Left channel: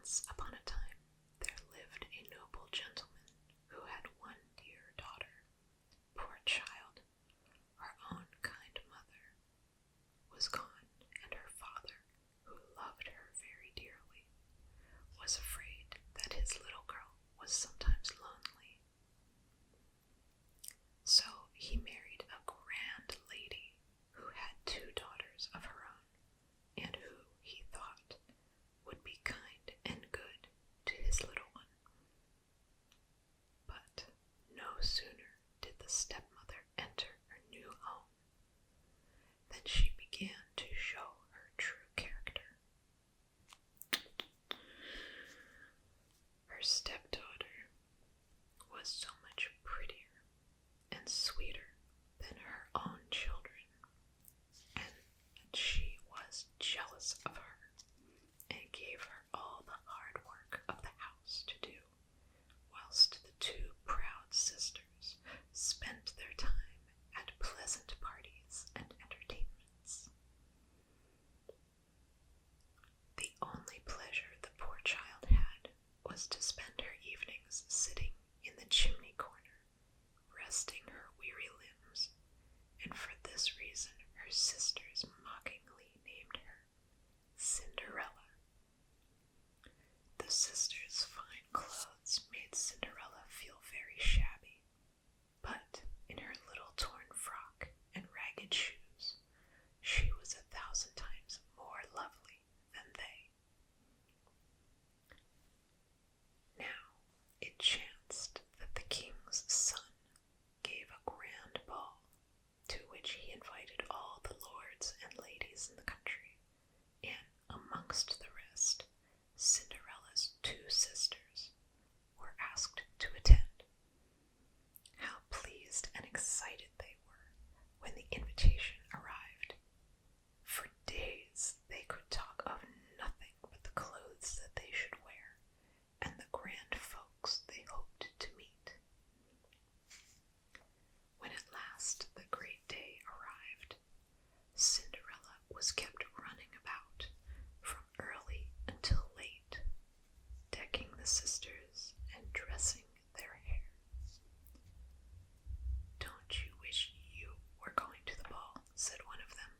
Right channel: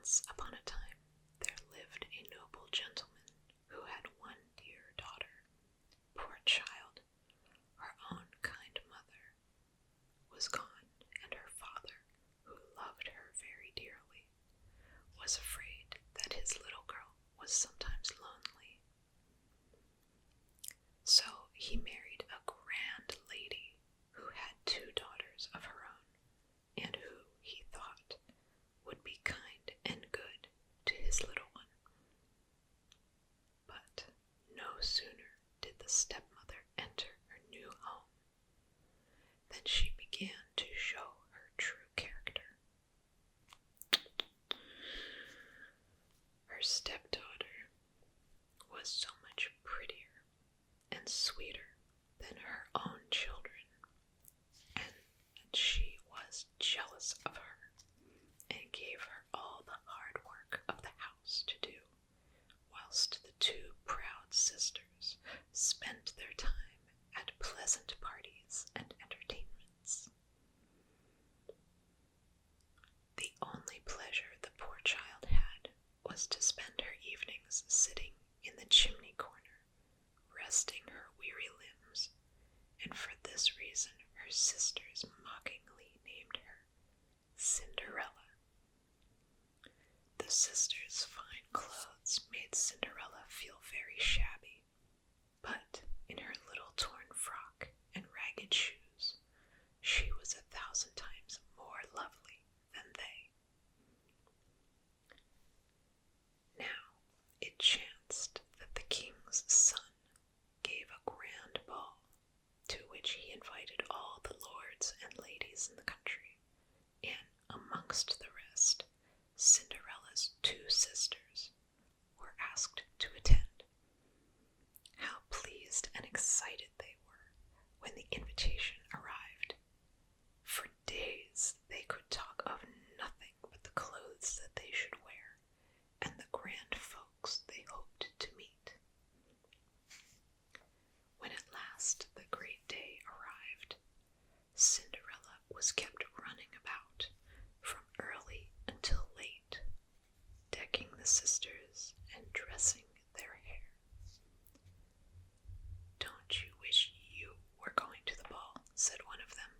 Once upon a time, there lived a noble gentleman who had one dear daughter. Poor child, her own kind mother was gone, and her father, who loved her very dearly, was afraid that his little girl was sometimes lonely. So he married a grand lady who had 2 daughters of her own, and who, he thought, would be kind and good to his little one. But no sooner did the stepmother enter her new home than she began to show her true character. Her stepdaughter was so much prettier and sweeter than her own children, and she was jealous of her and gave her all the hard work of the house to do, whilst the 2 proud sisters spent their time at pleasant parties and entertainments. The only pleasure the poor child had was to spend her evenings sitting in the chimney corner, resting her weary limbs, and for this reason her sisters mockingly named her Cinderella. The sisters' fine clothes made Cinderella feel very shabby, but in her little torn frock and ragged shoes, she was 1,000 times more lovely than they. Now it chanced that the king's son gave a grand ball, to which he invited all the lords and ladies in the country, and amongst the rest, Cinderella's 2 sisters were asked to attend. How pleased and excited they were when the invitation arrived. For days they could talk of nothing but the clothes that they should wear, and the grand folks they hoped to meet. When at last the great day arrived, Cinderella was kept running about from early until late, decking the sisters and dressing their hair. "Don't you wish you were going to the ball?" said one of them.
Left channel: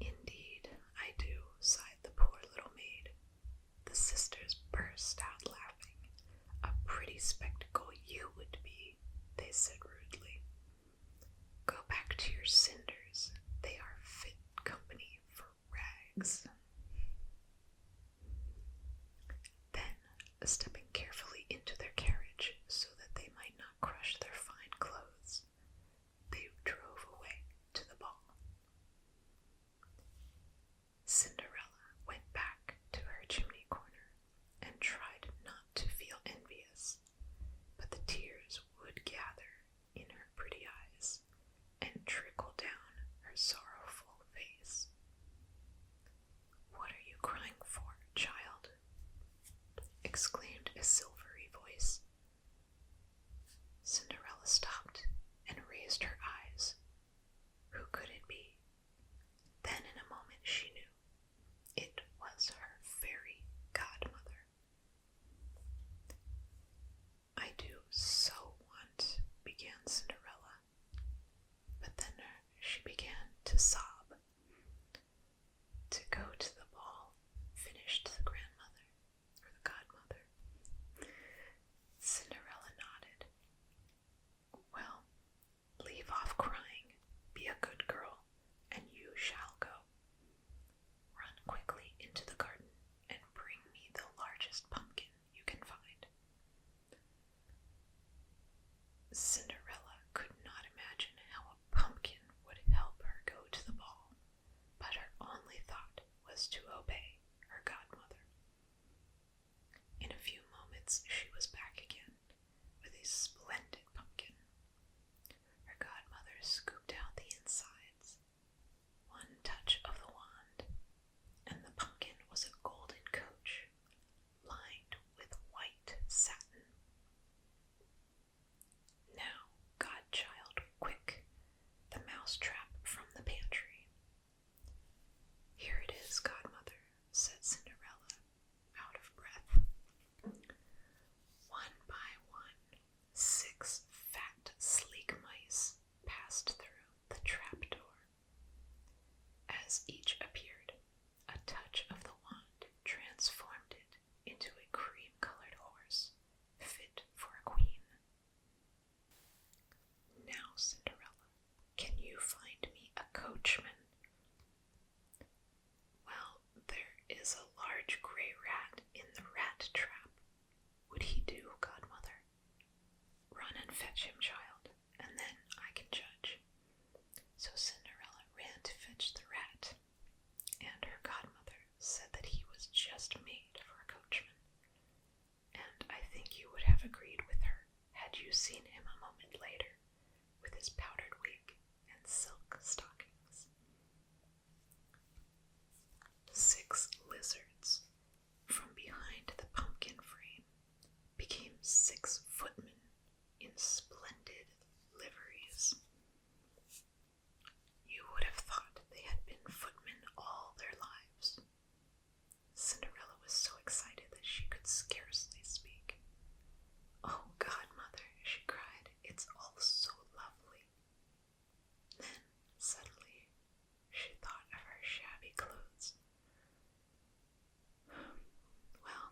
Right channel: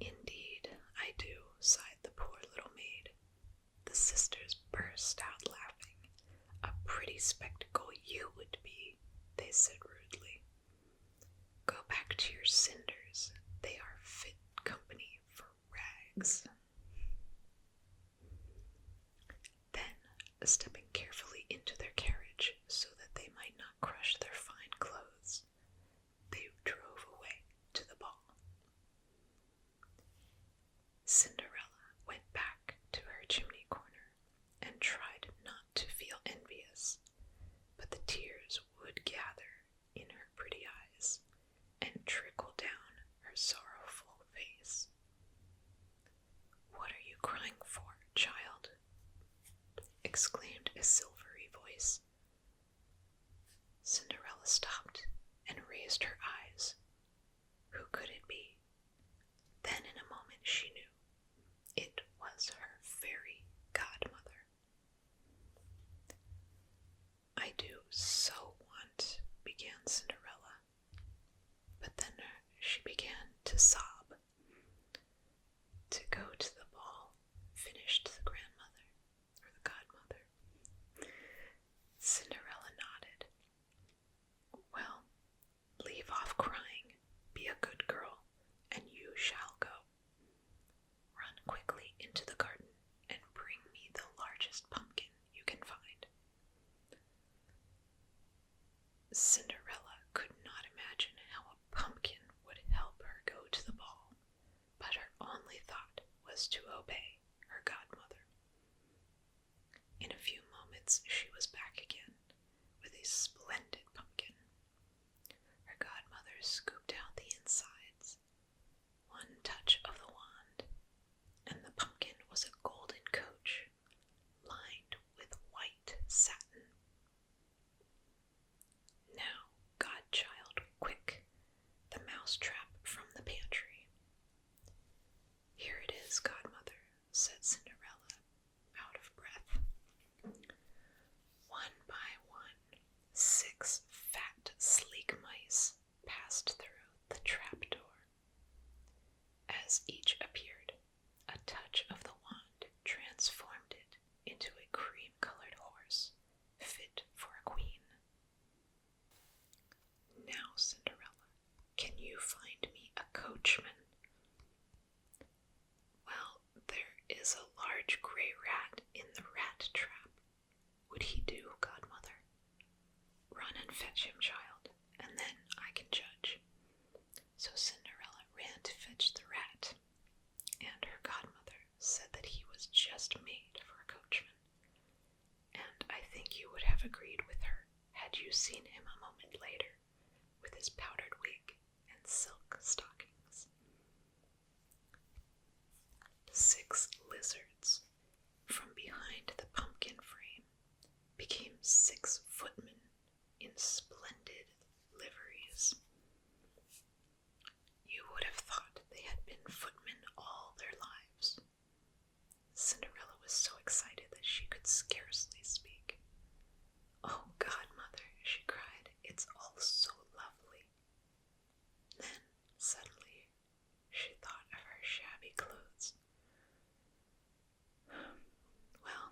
"Indeed, I do," sighed the poor little maid. The sisters burst out laughing. "A pretty spectacle you would be," they said rudely. "Go back to your cinders. They are fit company for rags." Then, stepping carefully into their carriage so that they might not crush their fine clothes, they drove away to the ball. Cinderella went back to her chimney corner and tried not to feel envious, but the tears would gather in her pretty eyes and trickle down her sorrowful face. "What are you crying for, child?" exclaimed a silvery voice. Cinderella stopped and raised her eyes. Who could it be? Then in a moment she knew. It was her fairy godmother. "I do so want," began Cinderella, but then she began to sob. "To go to the ball," finished the grandmother, or the godmother. have agreed with her had you seen him a moment later, with his powdered wig and silk stockings. 6 lizards from behind the pumpkin frame became 6 footmen in splendid liveries. You would have thought they had been footmen all their lives. Cinderella was so excited that she could scarcely speak. "Oh, godmother," she cried, "it's all so lovely." Then, suddenly, she thought of her shabby clothes. "Well,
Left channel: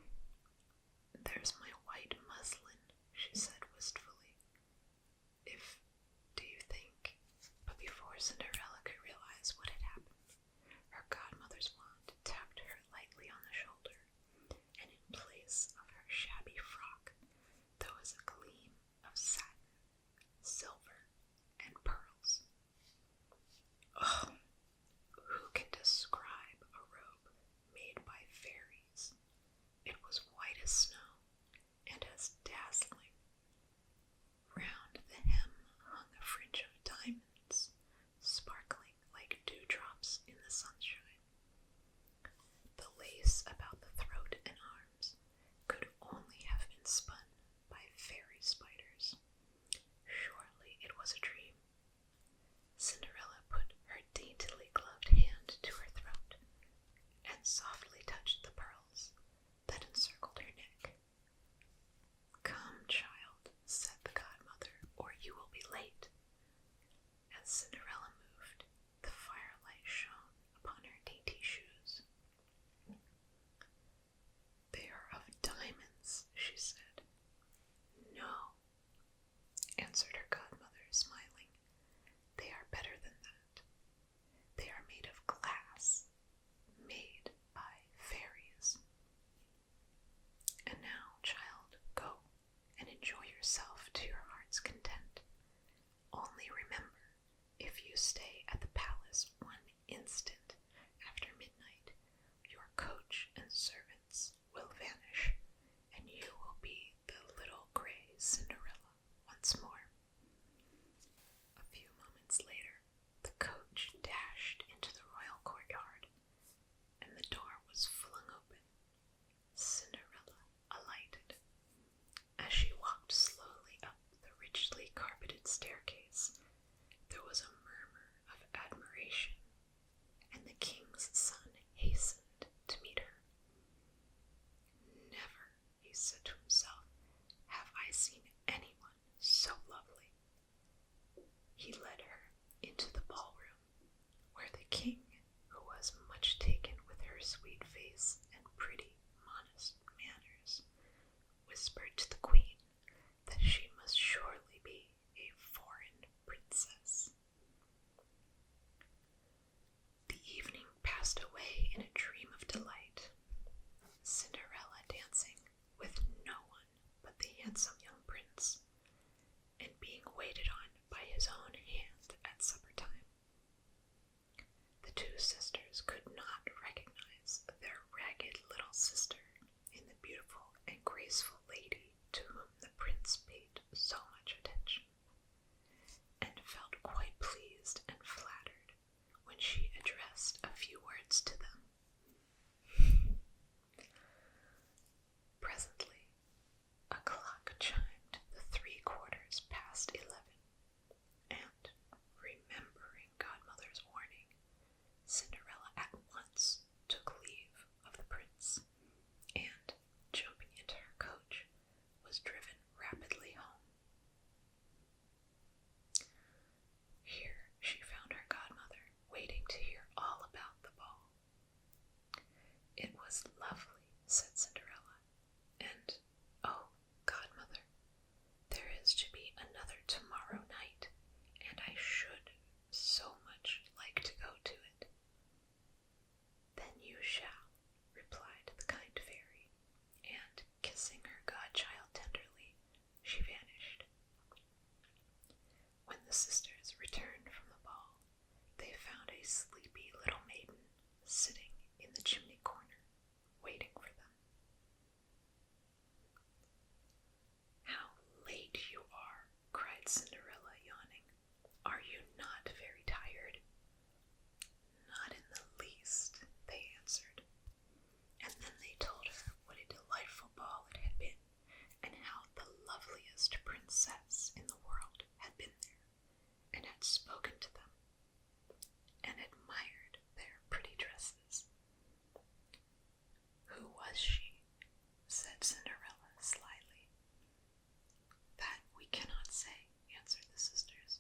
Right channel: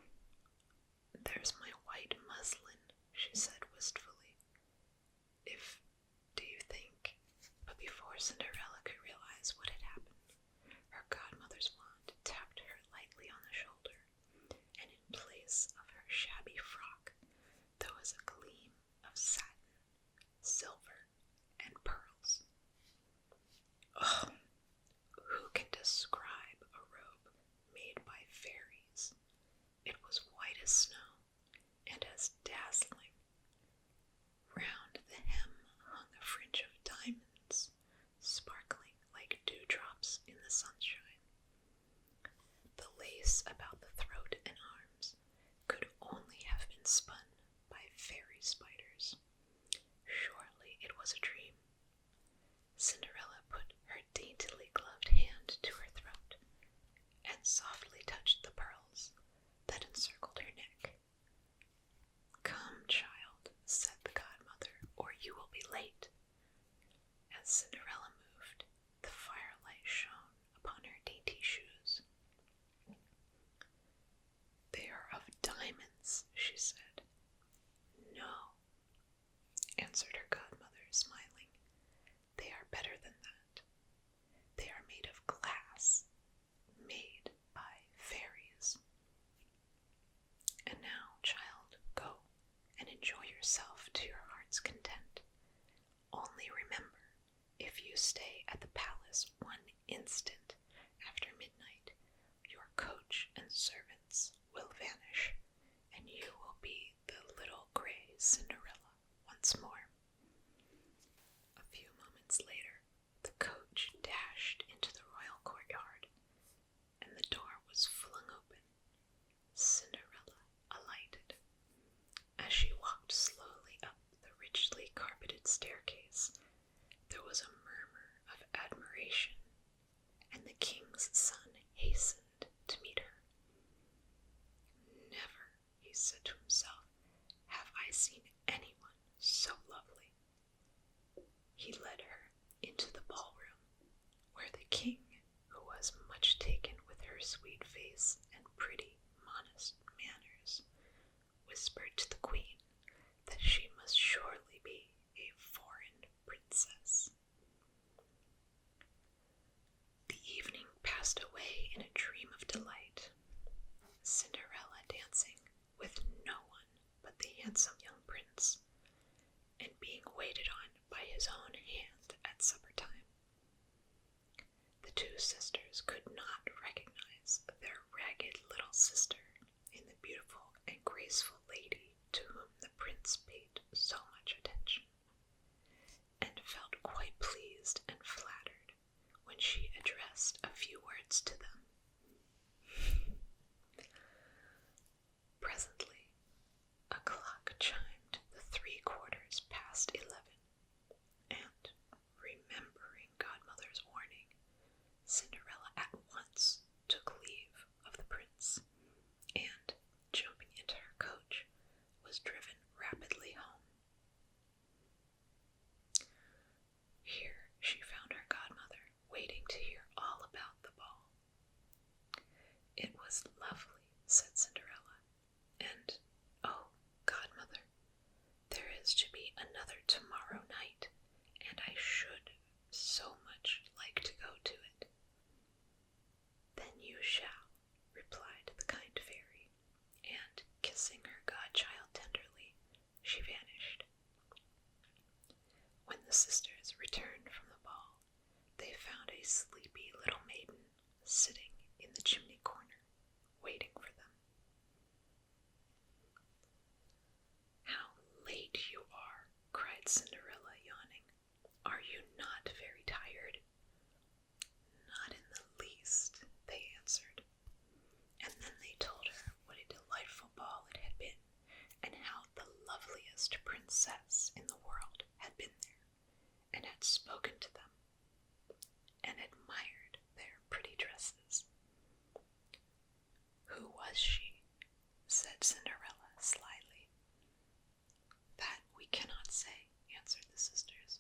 there's my white muslin," she said wistfully. Do you think?" But before Cinderella could realize what had happened, her godmother's wand tapped her lightly on the shoulder, and in place of her shabby frock, there was a gleam of satin, silver, and pearls. Oh, who can describe a robe made by fairies? It was white as snow, and as dazzling. Round the hem hung a fringe of diamonds, sparkling like dewdrops in the sunshine. The lace about the throat and arms could only have been spun by fairy spiders. Surely it was a dream. Cinderella put her daintily gloved hand to her throat and softly touched the pearls that encircled her neck. "Come, child," said the godmother, "or you will be late." As Cinderella moved, the firelight shone upon her dainty shoes. "They are of diamonds," she said. "No," answered her godmother, smiling. "They are better than that. They are made of glass, made by fairies. And now, child, go and enjoy yourself to your heart's content. Only remember, if you stay at the palace 1 instant after midnight, your coach and servants will vanish, and you will be the little gray Cinderella once more." A few moments later, the coach dashed into the royal courtyard, and the door was flung open. Cinderella alighted. As she walked slowly up the richly carpeted staircase, there was a murmur of admiration, and the king's son hastened to meet her. "Never," he said to himself, "have I seen anyone so lovely." He led her into the ballroom, where the king, who was much taken with her sweet face and pretty, modest manners, whispered to the queen that she must surely be a foreign princess. The evening passed away in a dream of delight, Cinderella dancing with no one but the handsome young prince, and being waited on by his own hand at supper time. The 2 sisters could not recognize their ragged little sister in the beautiful and graceful lady to whom the prince paid so much attention, and felt quite pleased and flattered when she addressed a few words to them. Presently, a clock chimed the 3/4 past 11, and, remembering godmother's warning, Cinderella at once took leave of the prince, and, jumping into her coach, was driven rapidly home. Here she found her godmother waiting to hear all about the ball. princess in the world had been there and had spoken to them and admired their pretty dresses. "Who was she?" said Cinderella slyly. "That we cannot say," answered the sisters.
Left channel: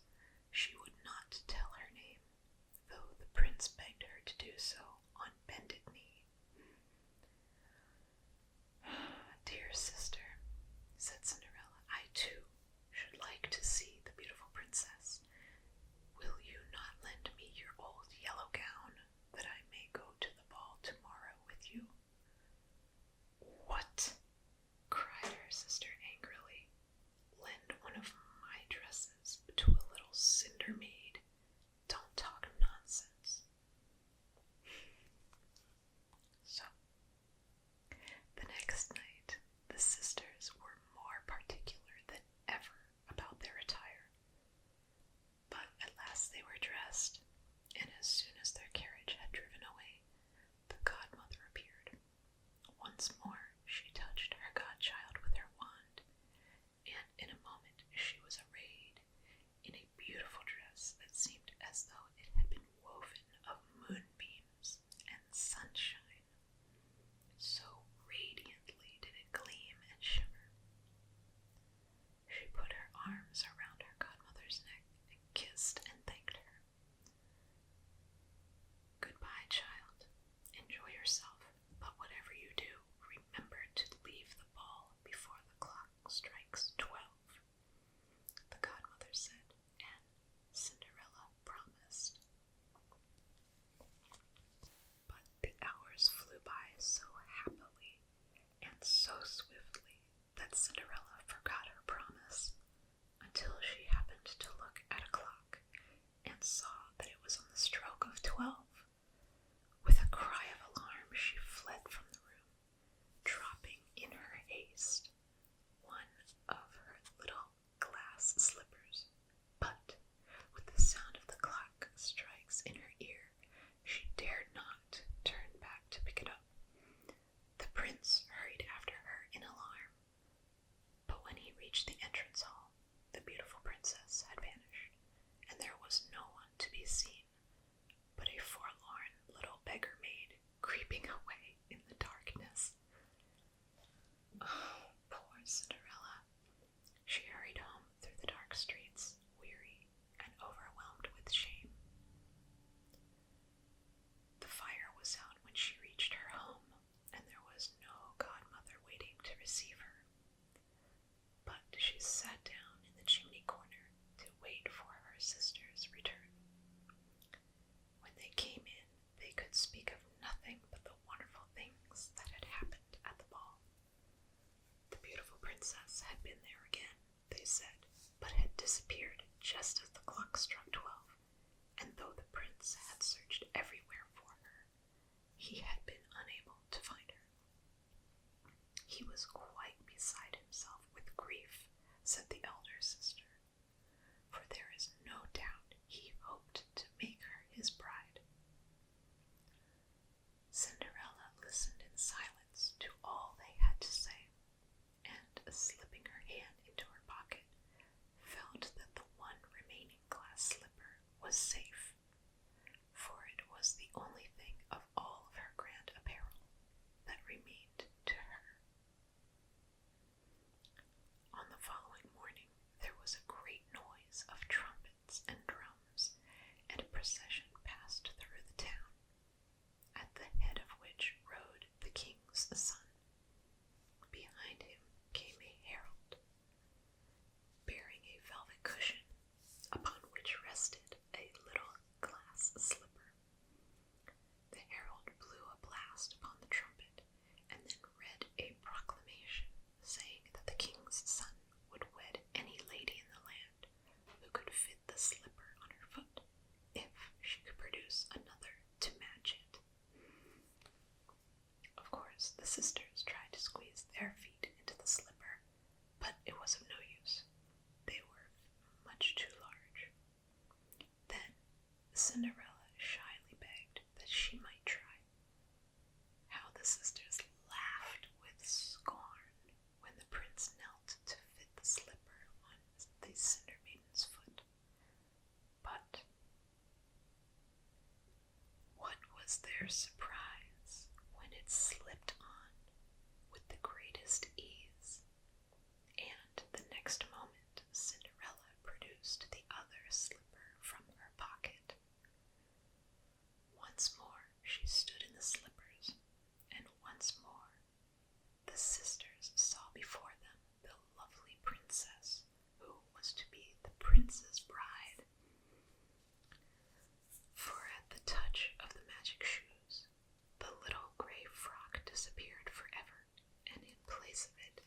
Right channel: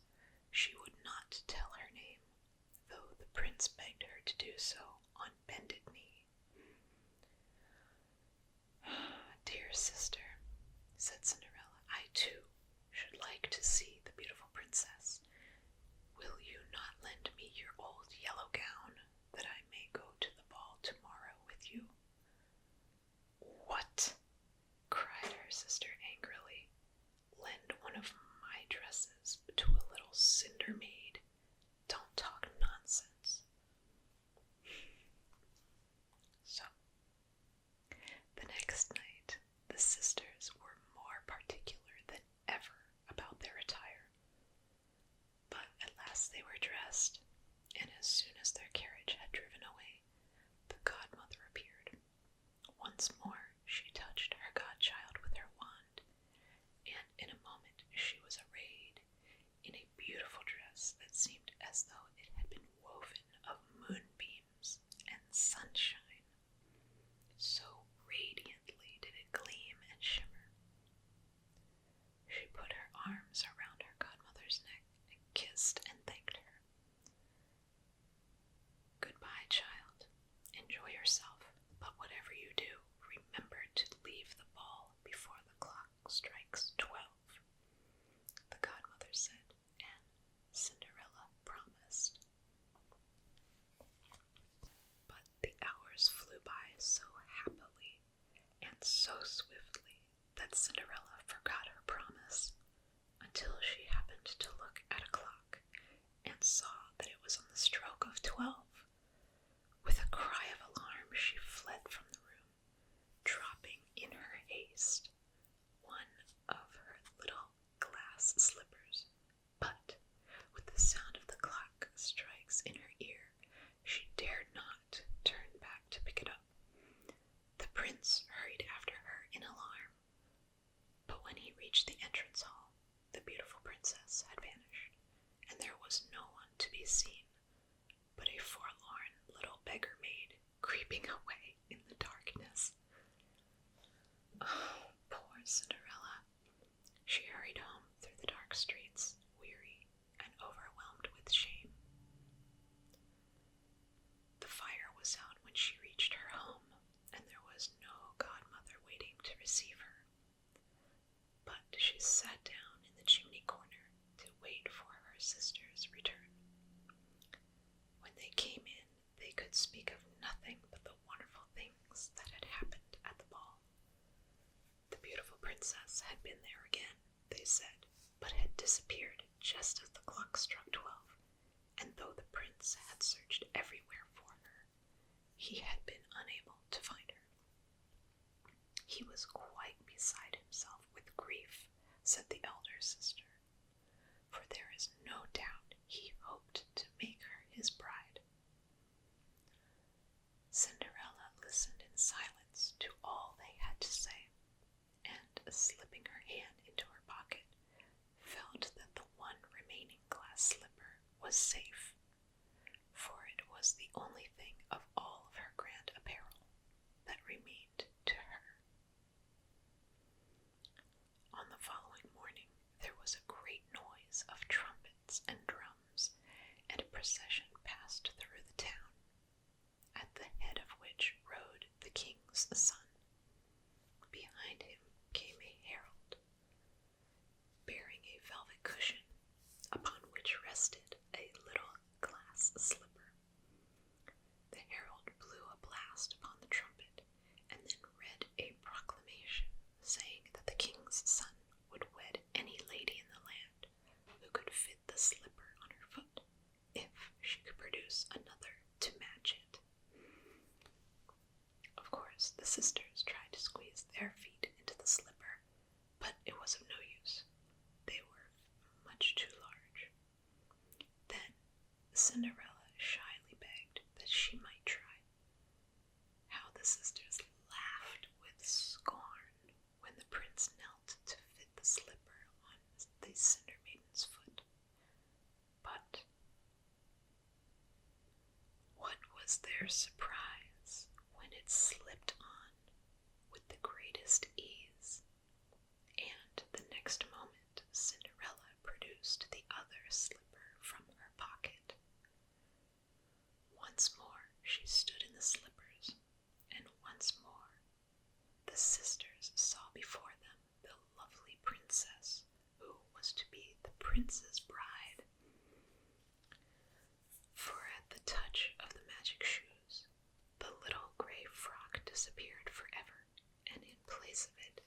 "She would not tell her name, though the prince begged her to do so on bended knee." "Dear sister," said Cinderella, "I too should like to see the beautiful princess. Will you not lend me your old yellow gown, that I may go to the ball tomorrow with you?" "What?" cried her sister angrily. "Lend one of my dresses to a little cinder maid? Don't talk nonsense." So, the next night, the sisters were more particular than ever about their attire. But at last they were dressed, and as soon as their carriage had driven away, the godmother appeared. Once more she touched her godchild with her wand, and in a moment she was arrayed in a beautiful dress that seemed as though it had been woven of moonbeams and sunshine. So radiantly did it gleam and shimmer. She put her arms around her godmother's neck and kissed and thanked her. "Goodbye, child. Enjoy yourself, but whatever you do, remember to leave the ball before the clock strikes 12, the godmother said, and Cinderella promised. But the hours flew by so happily and so swiftly that Cinderella forgot her promise until she happened to look at a clock and saw that it was on the stroke of 12. With a cry of alarm, she fled from the room, dropping in her haste one of her little glass slippers. But with the sound of the clock strikes in her ear, she dared not turn back to pick it up. The prince hurried after her in alarm, but when he reached the entrance hall, the beautiful princess had vanished, and there was no one to be seen but a forlorn little beggar maid creeping away in the darkness. Oh, poor Cinderella! She hurried home through the dark streets, weary and overwhelmed with shame. The fire was out when she reached her home, and there was no godmother waiting to receive her. But she sat down in the chimney corner to wait for her sister's return. When they came in, they could speak of nothing but the wonderful things that had happened at the ball. The beautiful princess had been there again, they said, but had disappeared just as the clock struck 12, and though the prince had searched everywhere for her, he had been unable to find her. He was quite beside himself with grief, said the elder sister, for there is no doubt he hoped to make her his bride. Cinderella listened in silence to all they had to say, and, slipping her hand into her pocket, felt that the one remaining glass slipper was safe, for it was the only thing of all of her grand apparel that remained to her. On the following morning there was a great noise of trumpets and drums, and a procession passed through the town, at the head of which rode the king's son. Behind him came a herald, bearing a velvet cushion, upon which rested a little glass slipper. The herald blew a blast upon the trumpet, and then read a proclamation saying that the king's son would wed any lady in the land who could fit the slipper on her foot, if she could produce another to match it. Of course, the sisters tried to squeeze their feet into the slipper, but it was of no use. They were much too large. Then Cinderella shyly begged that she might try. How the sisters laughed with scorn when the prince knelt to fit the slipper on their surprise when it slipped on with the greatest ease, and the next moment Cinderella produced the other slipper from her pocket. Once more she stood in the slippers, and once more the sisters saw before them the lovely princess who was to be the prince's bride. For at the touch of the magic shoes, the little gray frock disappeared forever, and in place of it,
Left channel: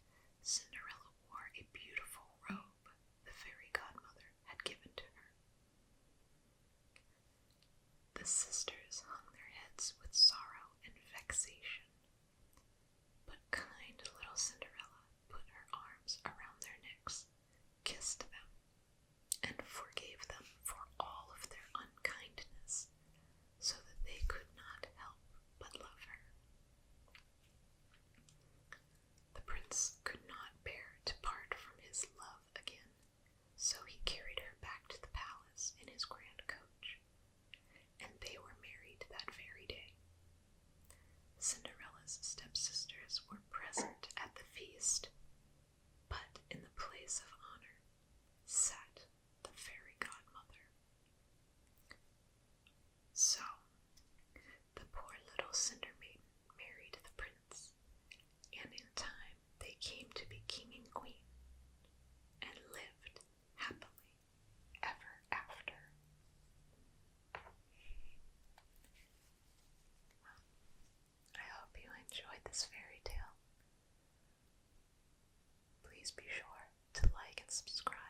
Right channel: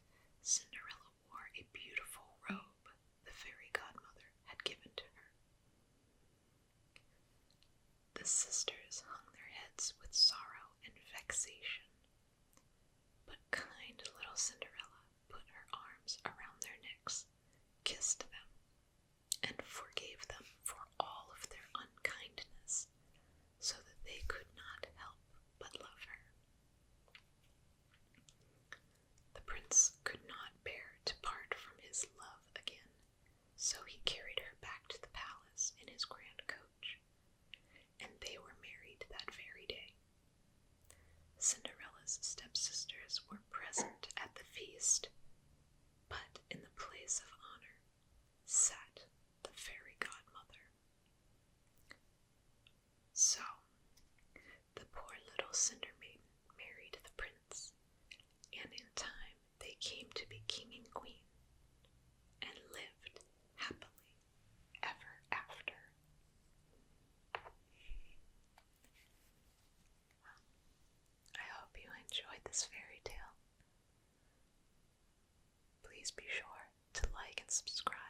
Cinderella wore a beautiful robe the fairy godmother had given to her. The sisters hung their heads with sorrow and vexation, but kind little Cinderella put her arms around their necks, kissed them, and forgave them for all of their unkindness, so that they could not help but love her. The prince could not bear to part from his love again, so he carried her back to the palace in his grand coach, and they were married that very day. Cinderella's stepsisters were present at the feast, but in the place of honor sat the fairy godmother. So, the poor little Cinder Maiden married the prince, and in time they came to be king and queen, and lived happily ever after. I hope you enjoyed this fairy tale. Please be sure to like and subscribe